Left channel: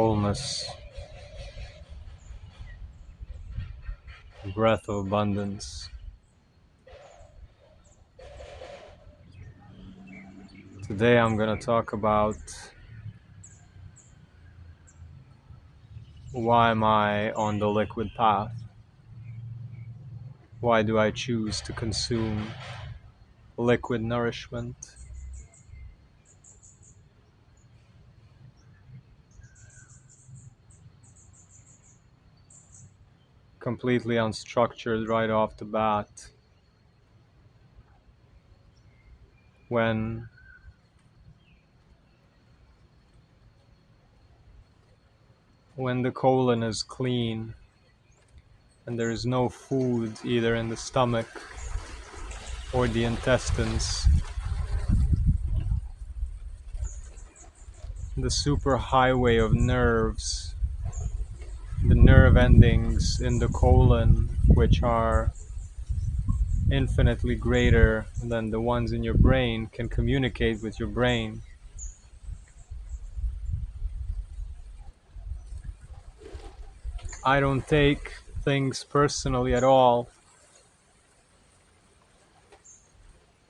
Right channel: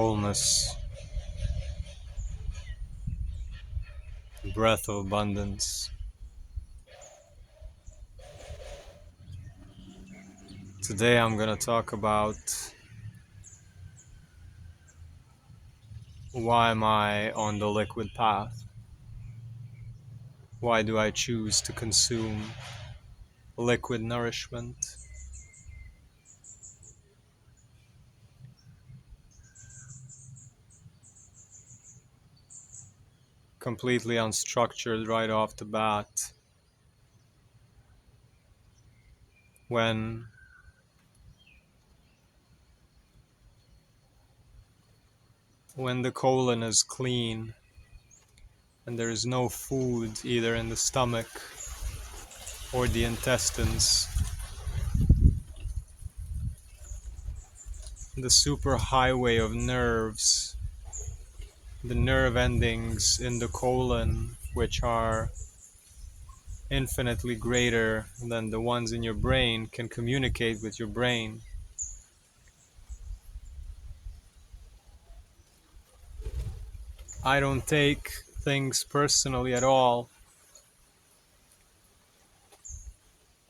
wholeness, breath of abundance. Today I'm going to talk about why am I on the liquid path? Why do I choose to consume liquid nourishment? Completely unstructured right off the bat. When the colon is clean and there is no food either in the stomach or the intestines, the superhighway of nerves, the nerve endings in the colon, which are infinitely greater than the ones in your brain, can communicate with your brain. I don't take things personally at all.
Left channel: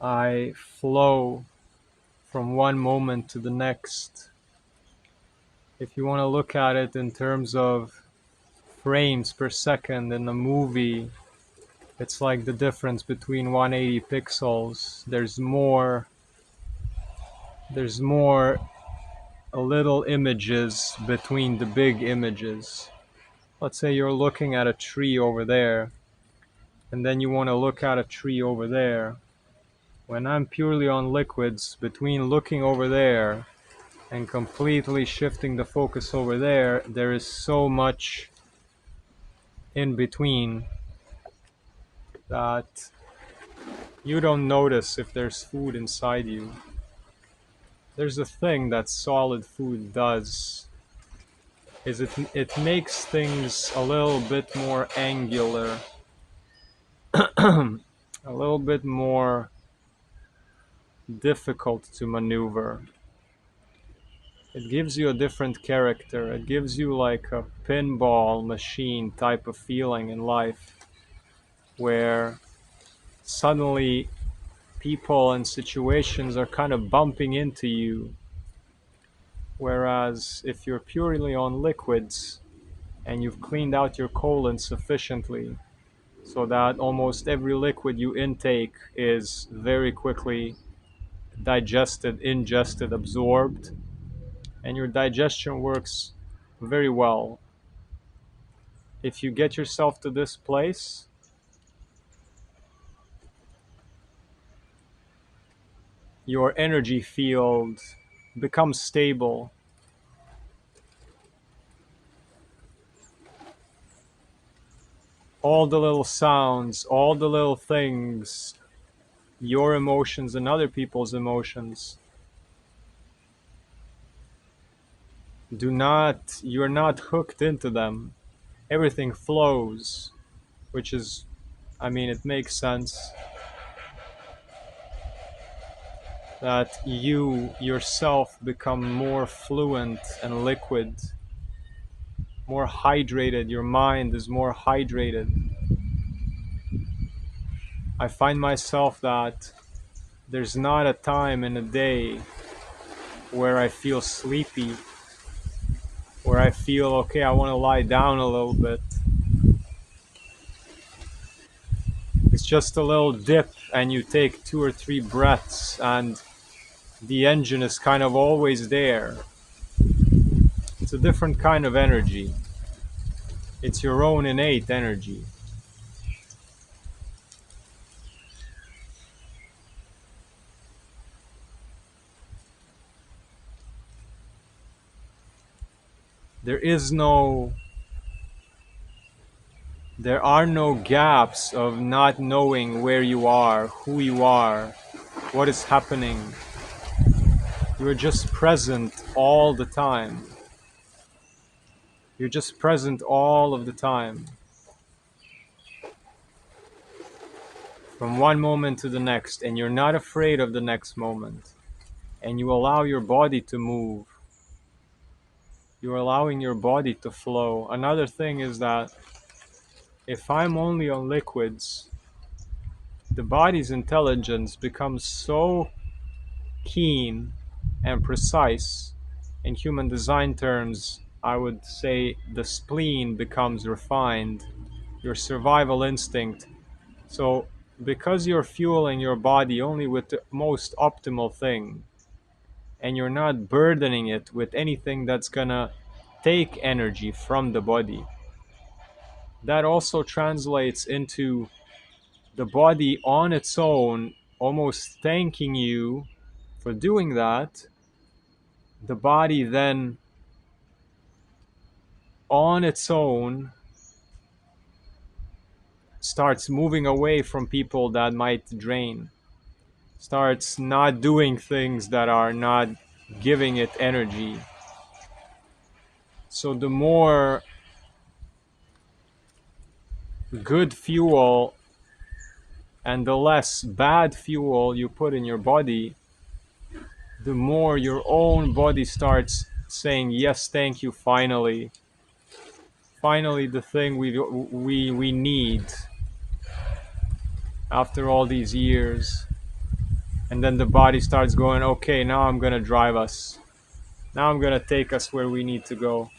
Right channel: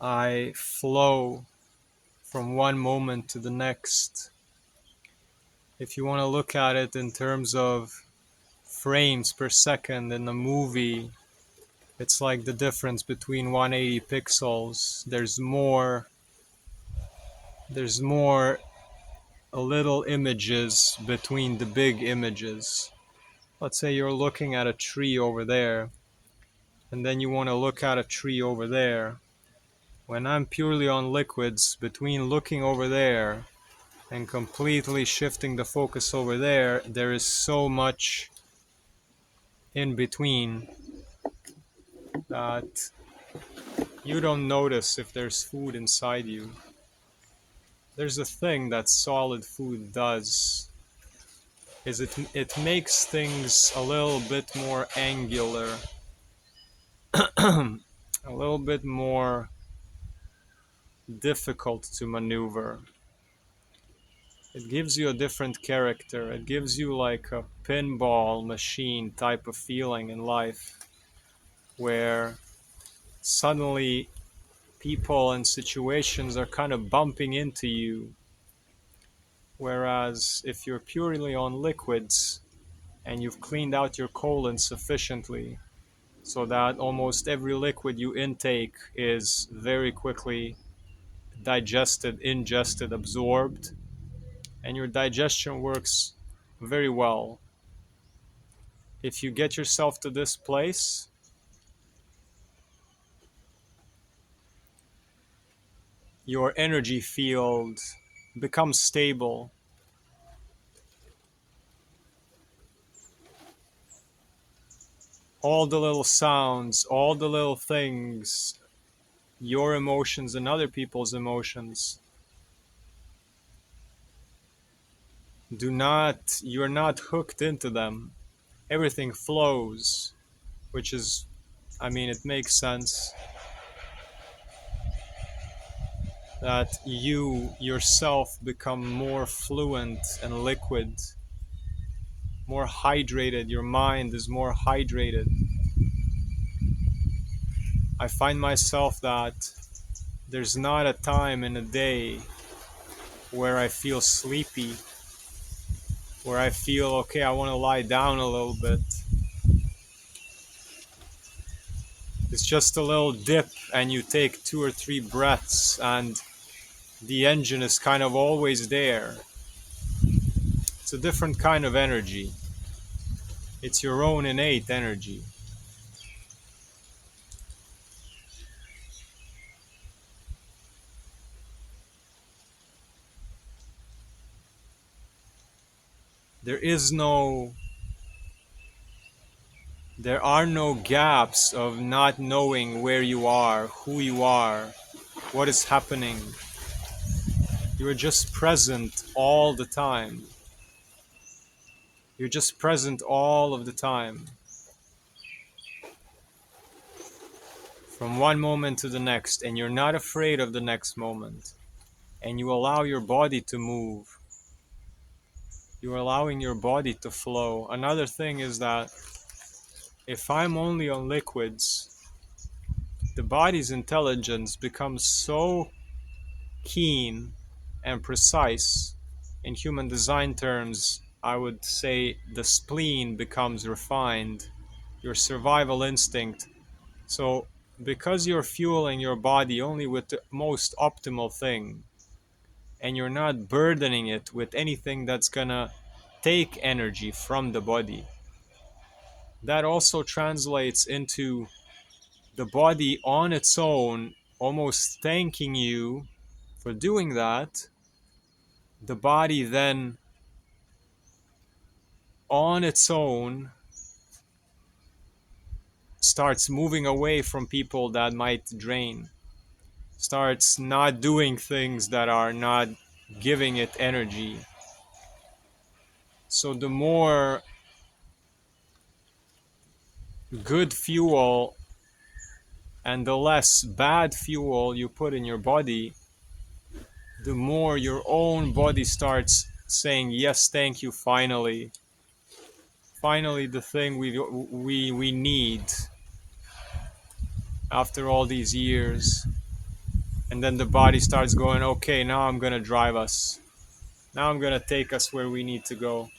I flow from one moment to the next. If you want to look at it in terms of frames per second in a movie, it's like the difference between 180 pixels. There's more little images between the big images. Let's say you're looking at a tree over there, and then you want to look at a tree over there. When I'm purely on liquids, between looking over there and completely shifting the focus over there, there is so much in between that you don't notice if there's food inside you. There's a thing that solid food does, is it makes things a little bit more angular, a little bit more difficult to maneuver. It gives you a different character. It gives you like a pinball machine type of feeling in life, where suddenly people and situations are kind of bumping into you. Whereas if you're purely on liquids and you've cleaned out your colon sufficiently so that almost every liquid you intake is very quickly digested, ingested, absorbed, and your digestion works very well. If you get yourself to this place, your energy field becomes stable. All the little sounds, all the little things, your emotions and other people's emotions, you're not hooked into them. Everything flows, which is, it makes sense that you yourself become more fluent and liquid, more hydrated. Your mind is more hydrated. I find myself that there's not a time in a day where I feel sleepy, where I feel, okay, I want to lie down a little bit. It's just a little dip and you take 2 or 3 breaths and the engine is kind of always there. It's a different kind of energy. It's your own innate energy. There are no gaps of not knowing where you are, who you are, what is happening. You're just present all the time. You're just present all of the time. From one moment to the next, and you're not afraid of the next moment. And you allow your body to move. You're allowing your body to flow. Another thing is that if I'm only on liquids, the body's intelligence becomes so keen and precise. In human design terms, I would say the spleen becomes refined, your survival instinct. So, because you're fueling your body only with the most optimal thing, and you're not burdening it with anything that's gonna take energy from the body, that also translates into the body on its own almost thanking you for doing that. The body then on its own starts moving away from people that might drain, starts not doing things that are not giving it energy. So the more good fuel and the less bad fuel you put in your body, the more your own body starts saying, yes, thank you, finally. Finally, the thing we need after all these years. And then the body starts going, okay, now I'm going to drive us. Now I'm going to take us where we need to go.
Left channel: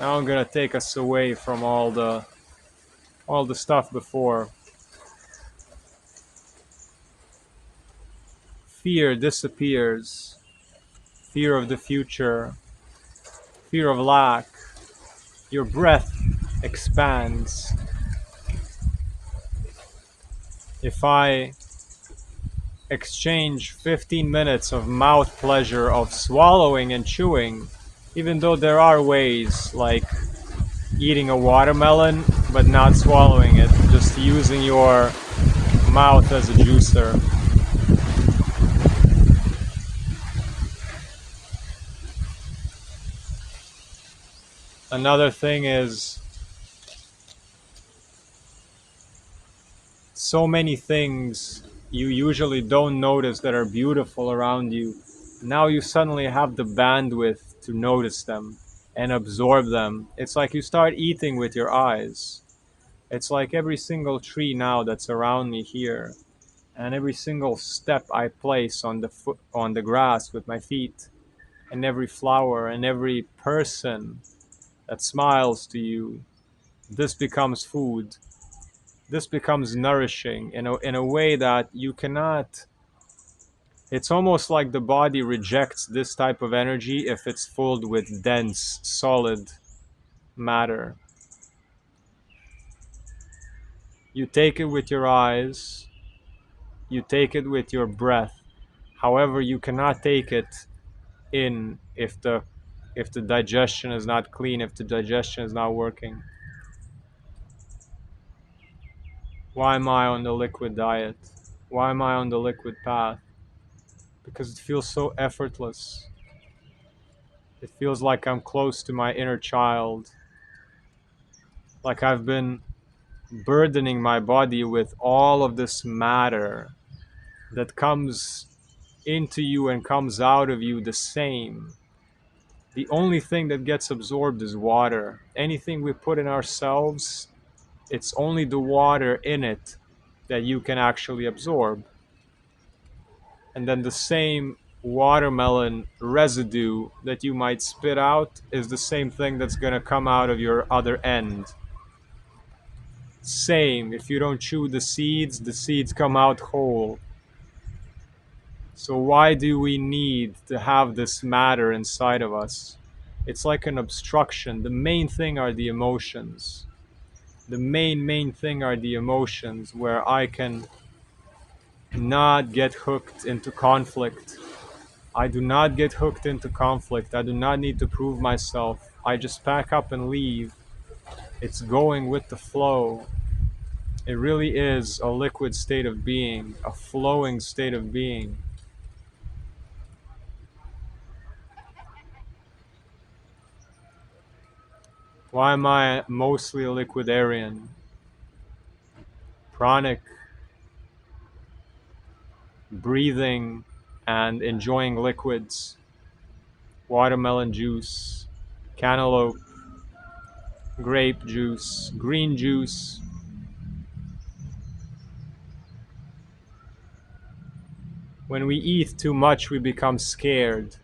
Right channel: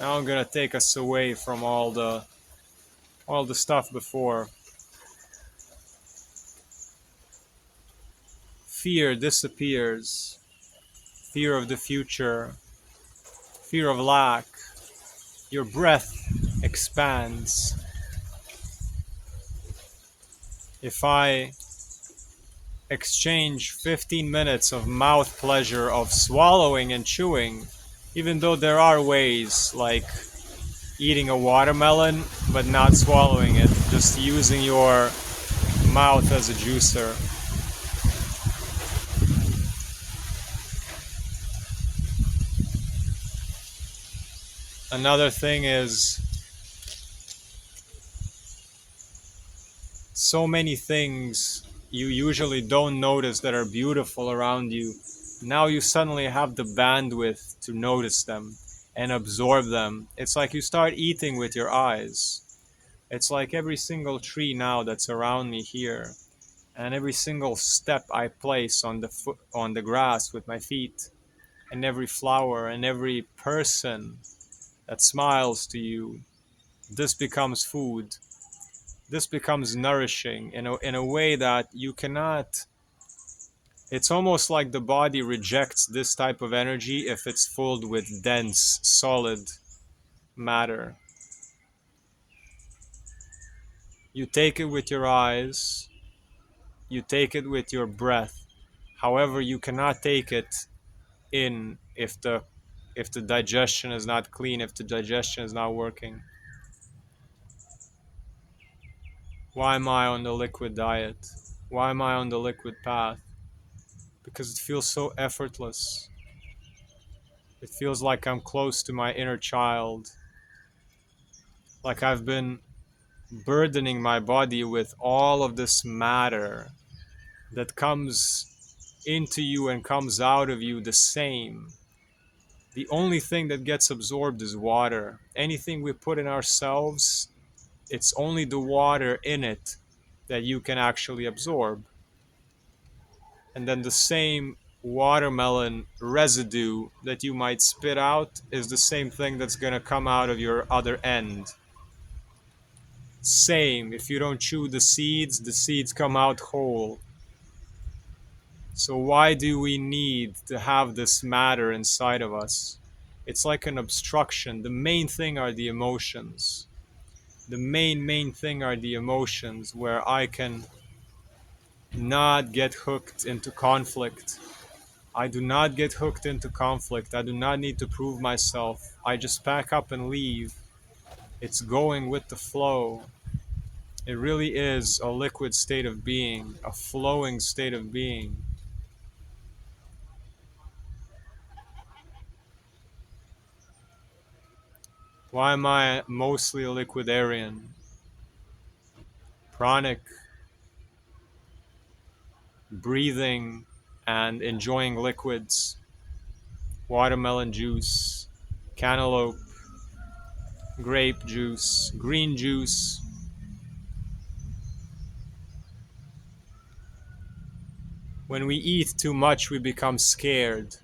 Now I'm going to take us away from all the stuff before. Fear disappears. Fear of the future. Fear of lack. Your breath expands. If I exchange 15 minutes of mouth pleasure of swallowing and chewing, even though there are ways like eating a watermelon but not swallowing it, just using your mouth as a juicer. Another thing is so many things you usually don't notice that are beautiful around you. Now you suddenly have the bandwidth to notice them and absorb them. It's like you start eating with your eyes. It's like every single tree now that's around me here, and every single step I place on the grass with my feet, and every flower and every person that smiles to you, this becomes food. This becomes nourishing in a way that you cannot. It's almost like the body rejects this type of energy if it's filled with dense, solid matter. You take it with your eyes, you take it with your breath. However, you cannot take it in if the digestion is not clean, if the digestion is not working. Why am I on the liquid diet? Why am I on the liquid path? Because it feels so effortless. It feels like I'm close to my inner child. Like I've been burdening my body with all of this matter that comes into you and comes out of you the same. The only thing that gets absorbed is water. Anything we put in ourselves, it's only the water in it that you can actually absorb. And then the same watermelon residue that you might spit out is the same thing that's going to come out of your other end. Same, if you don't chew the seeds come out whole. So why do we need to have this matter inside of us? It's like an obstruction. The main thing are the emotions. The main thing are the emotions where I can not get hooked into conflict. I do not get hooked into conflict. I do not need to prove myself. I just pack up and leave. It's going with the flow. It really is a liquid state of being, a flowing state of being. Why am I mostly a liquidarian? Pranic, breathing and enjoying liquids, watermelon juice, cantaloupe, grape juice, green juice. When we eat too much, we become scared.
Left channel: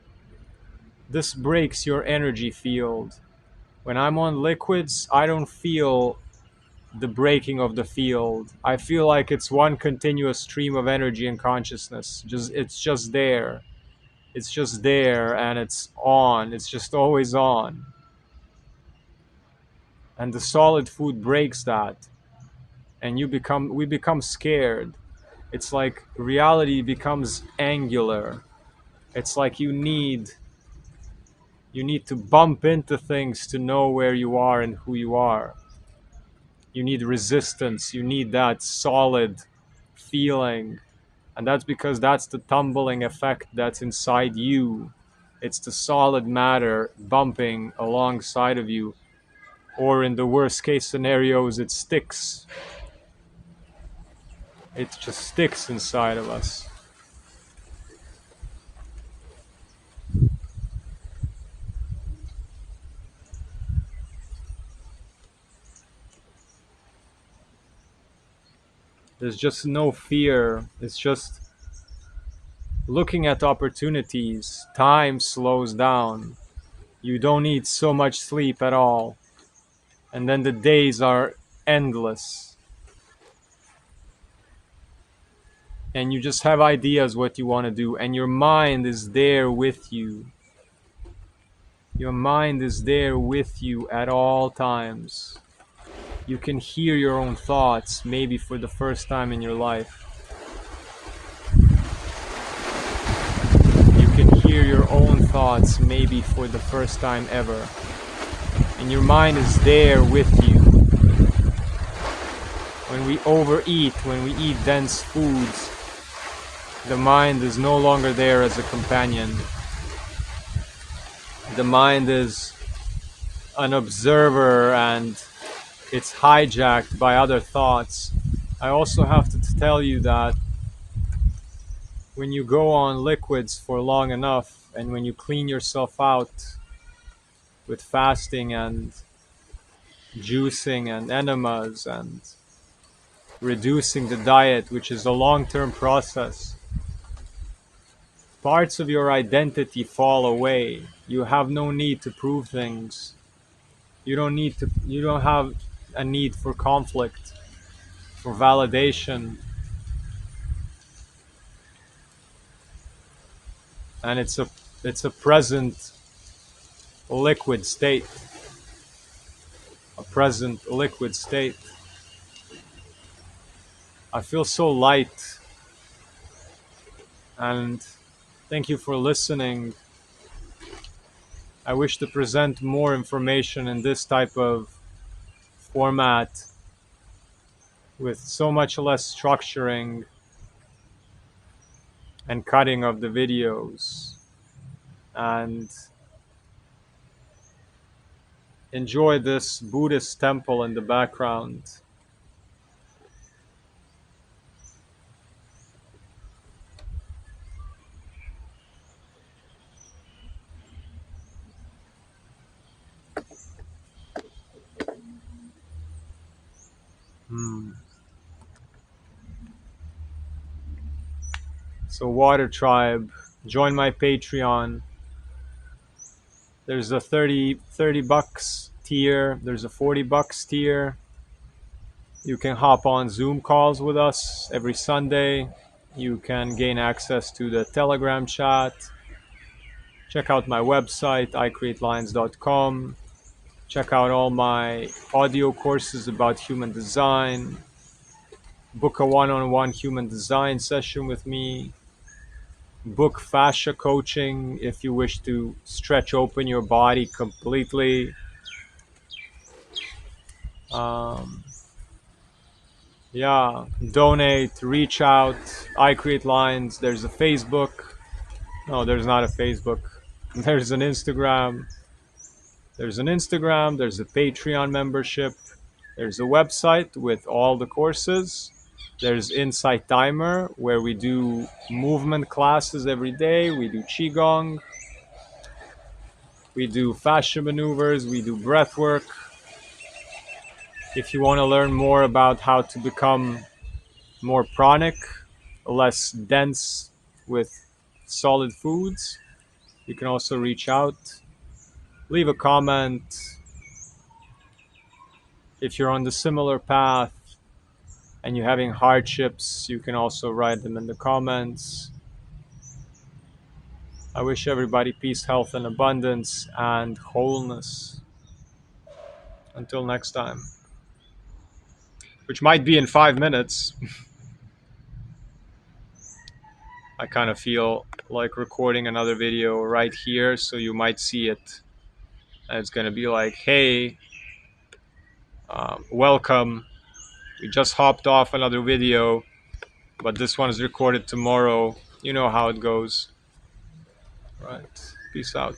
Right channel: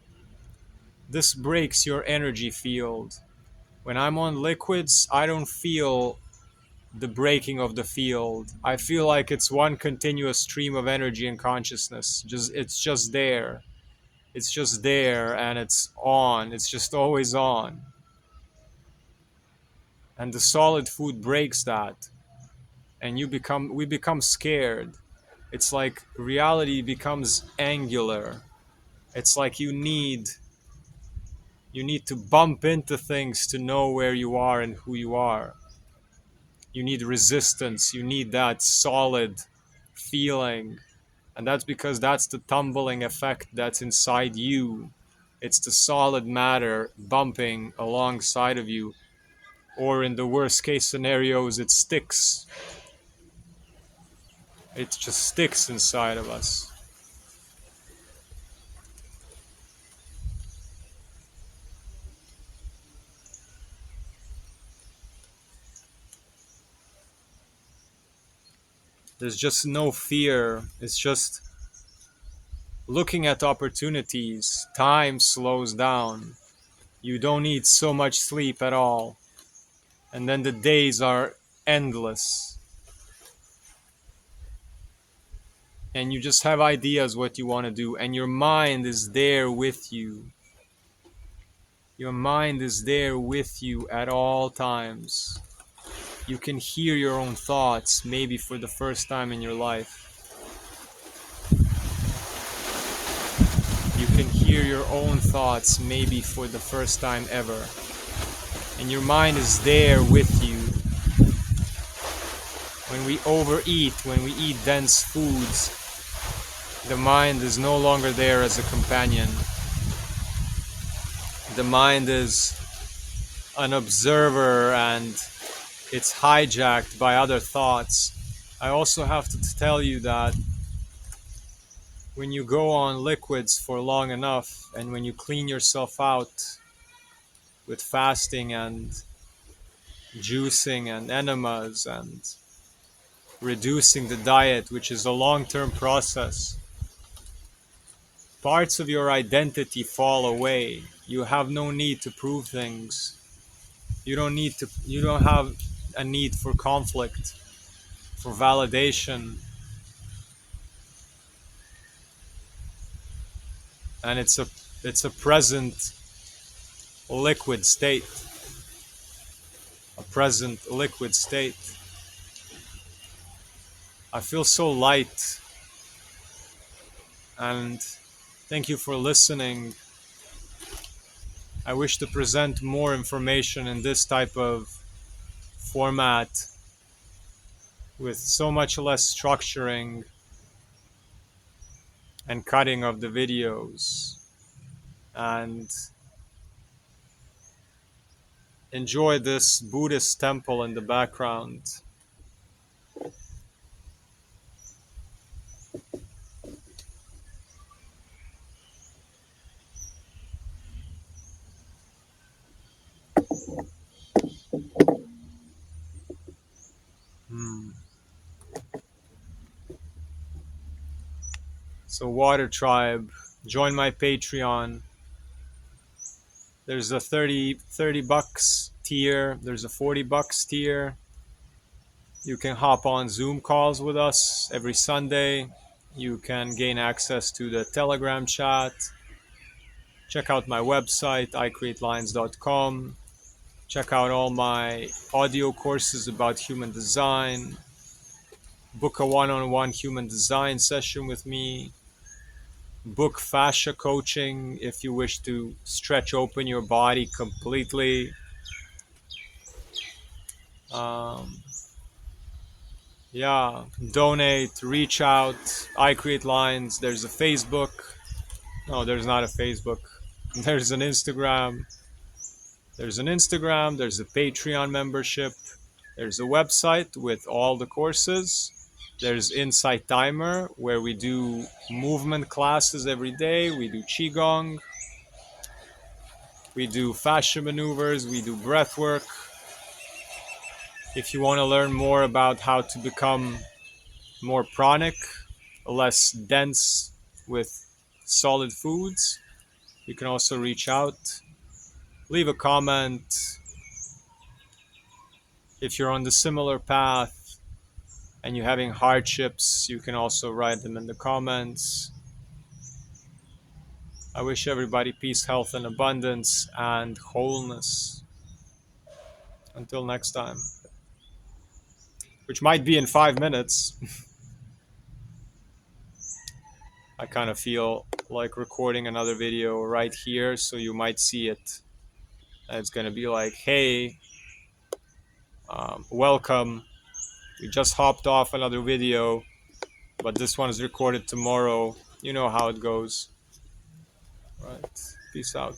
This breaks your energy field. When I'm on liquids, I don't feel the breaking of the field. I feel like it's one continuous stream of energy and consciousness. It's just there. It's just there and it's on. It's just always on. And the solid food breaks that. And we become scared. It's like reality becomes angular. It's like you need to bump into things to know where you are and who you are. You need resistance. You need that solid feeling. And that's because that's the tumbling effect that's inside you. It's the solid matter bumping alongside of you. Or in the worst case scenarios, it sticks. It just sticks inside of us. There's just no fear. It's just looking at opportunities. Time slows down. You don't need so much sleep at all. And then the days are endless. And you just have ideas what you want to do. And your mind is there with you. Your mind is there with you at all times. You can hear your own thoughts, maybe for the first time in your life. You can hear your own thoughts, maybe for the first time ever. And your mind is there with you. When we overeat, when we eat dense foods, the mind is no longer there as a companion. The mind is an observer and it's hijacked by other thoughts. I also have to tell you that when you go on liquids for long enough and when you clean yourself out with fasting and juicing and enemas and reducing the diet, which is a long-term process, parts of your identity fall away. You have no need to prove things. You don't have a need for conflict, for validation. And it's a present liquid state. A present liquid state. I feel so light. And thank you for listening. I wish to present more information in this type of format with so much less structuring and cutting of the videos. And enjoy this Buddhist temple in the background. So Water Tribe, join my Patreon. There's a 30 bucks tier. There's a 40 bucks tier. You can hop on Zoom calls with us every Sunday. You can gain access to the Telegram chat. Check out my website, icreatelines.com. Check out all my audio courses about human design. Book a one-on-one human design session with me. Book fascia coaching if you wish to stretch open your body completely. Donate, reach out. I Create Lines. There's a Facebook. No, there's not a Facebook. There's an Instagram. There's a Patreon membership. There's a website with all the courses. There's Insight Timer, where we do movement classes every day. We do Qigong. We do fascia maneuvers, we do breath work. If you want to learn more about how to become more pranic, less dense with solid foods, you can also reach out. Leave a comment. If you're on the similar path and you're having hardships, you can also write them in the comments. I wish everybody peace, health, and abundance and wholeness. Until next time, which might be in 5 minutes. I kind of feel like recording another video right here, so you might see it. And it's going to be like, hey, welcome. We just hopped off another video, but this one is recorded tomorrow. You know how it goes. Right. Peace out.